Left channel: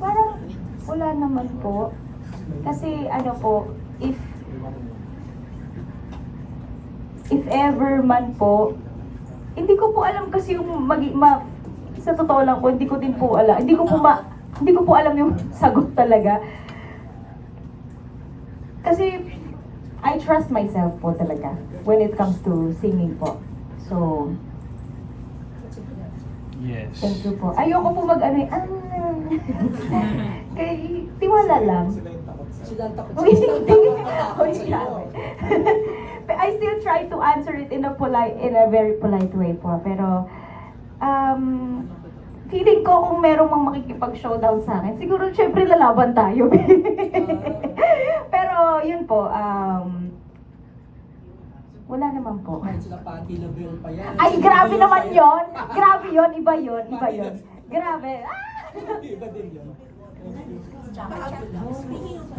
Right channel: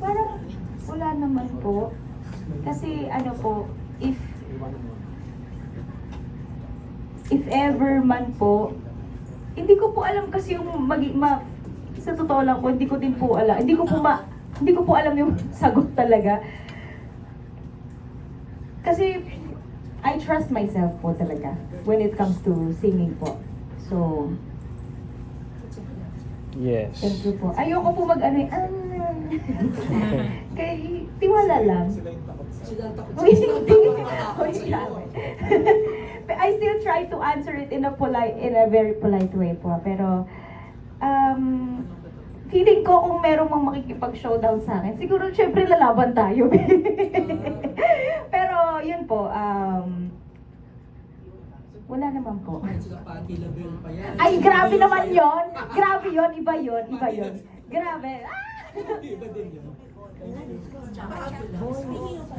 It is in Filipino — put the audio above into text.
Parang wala naman po. Kasi ano po, if ever man po, hindi ko po alam kasi yung sa totoo lang po, hindi ko din po alam. Hindi ko po alam yung sagot talaga. Kasi I trust myself po talaga when it comes to singing po. So, Yes. thank you po. Ayoko po kay tiwala lang. Sila ang takot Uy, sa'yo. hindi. Takot Uy, sa'yo. But I still try to answer it in a very polite way po. Pero, feeling ko kung merong mang makikipag-showdown sa akin, siguro syempre lalaban tayo. Pero, yun po, wala naman po. Kahit sila Patti LaBelle pa yan. Ay, grabe naman yon. Grabe yon, iba yon, iba yon. Grabe. Ah! Iba din yun. Speaking of